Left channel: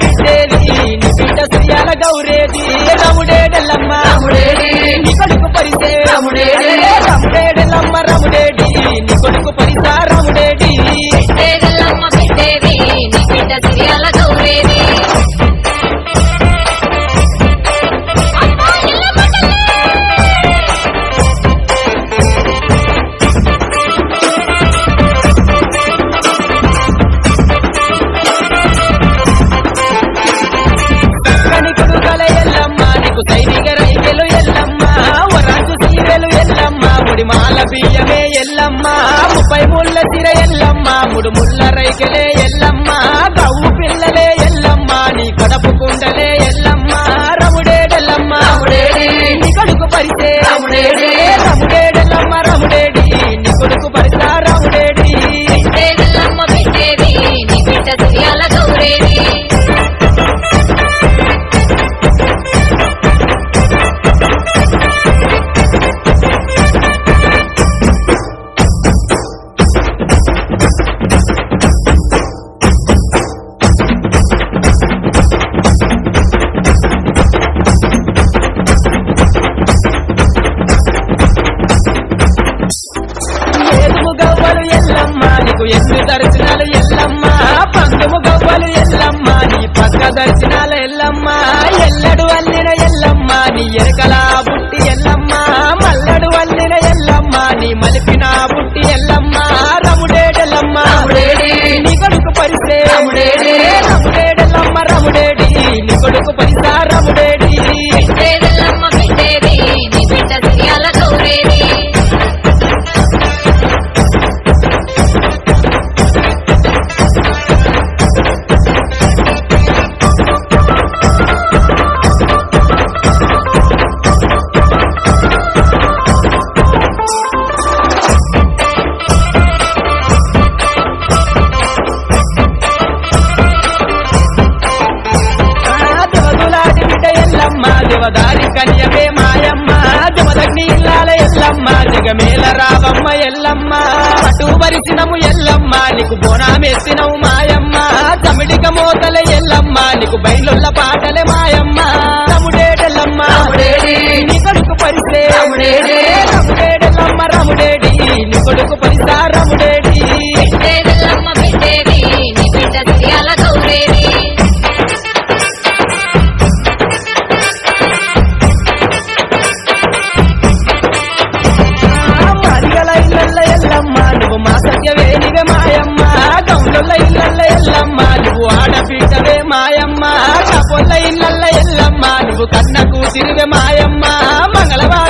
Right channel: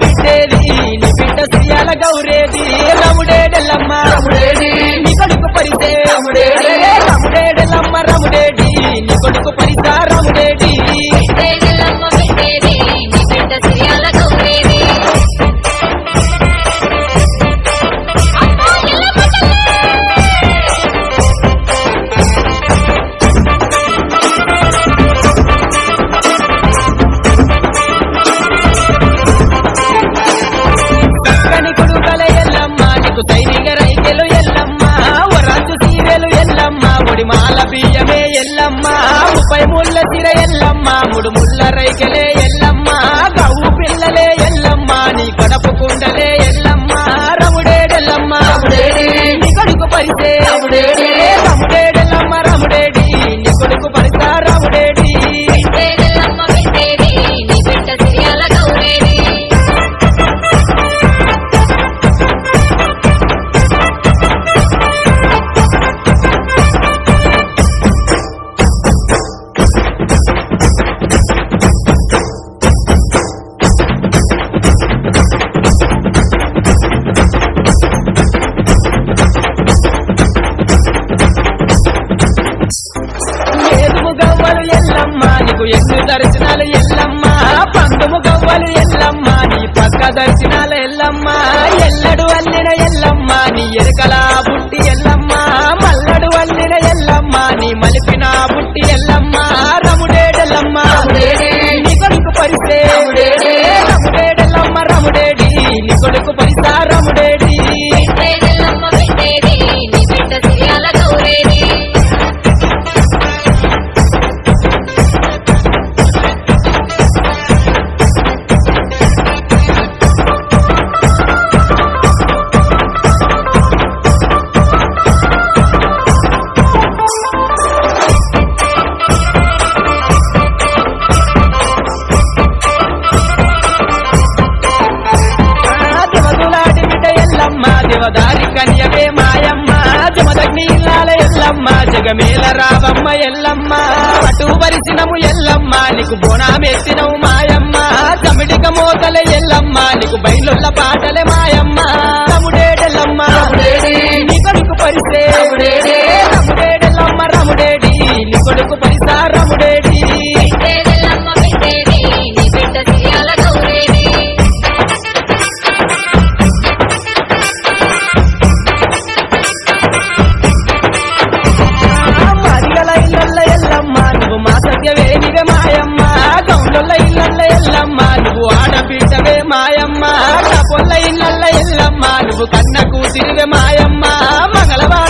బిడ్డేది నీ బిడ్డ శ్రీయాల గౌరేది రముడేడెల్లమ్మ నీ కొడుకు పరిసే రముడేడెల్లమ్మ రముడేడి నీ కొడుకు పరిసా రముడేడి సైనిక రైకెలు ఎల్లమ్మ వరాంచు సీరెలు ఎల్లమ్మ ముడి మాల బియ్యమే ఎల్లమ్మ 30 ముళ్ళ సిర ఎల్లమ్మ 3 ముళ్ళ రైకెలే ఎల్లమ్మ గవ్వు పిల్లలే ఎల్లమ్మ నీ కడపు కుండలే ఎల్లమ్మ రముడేడెల్లమ్మ నీ కొడుకు పరిసే రముడేడెల్లమ్మ రముడేడి నీ కొడుకు పరిసా రముడేడి గవ్వలు ఎల్లమ్మ నీకు ఎన్ని దర్శనాలు ఎల్లమ్మ పందుము గవ్వలు ఎల్లమ్మ నీ పక్క దర్శనాలు ఎల్లమ్మ ఎల్లడు అల్లిన ఎల్లమ్మ నీ ఎరకలా బుట్టి ఎల్లమ్మ మల్లడు అల్లిన ఎల్లమ్మ నీ మలిపిన బుట్టి ఎల్లమ్మ రముడేడెల్లమ్మ నీ కొడుకు పరిసే రముడేడెల్లమ్మ రముడేడి నీ కొడుకు పరిసా రముడేడి దేవదారి కన్యవే మాయమ్మ జమదగ్ని ఇల్లాల ఎల్లమ్మ జగమేల రావమ్మ ఎల్లమ్మ పటు వరిసినము ఎల్లమ్మ నీకు బోనామెత్తినవు మాయమ్మ చమిడిక మోతల ఎల్లమ్మ నీకు బయలుల్ల పాటలే మాయమ్మ రముడేడెల్లమ్మ నీ కొడుకు పరిసే రముడేడెల్లమ్మ రముడేడి నీ కొడుకు పరిసా రముడేడి ఎల్లమ్మ నువ్వు మా సత్యవే నీవే మాయమ్మ గౌన్ల ఇళ్ళల్ల ఎల్లమ్మ నువ్వు ఆడబిడ్డవే మాయమ్మ కపొల్ల ఇళ్ళల్ల ఎల్లమ్మ నువ్వు కన్న కూతురివే మాయమ్మ మంగళవారం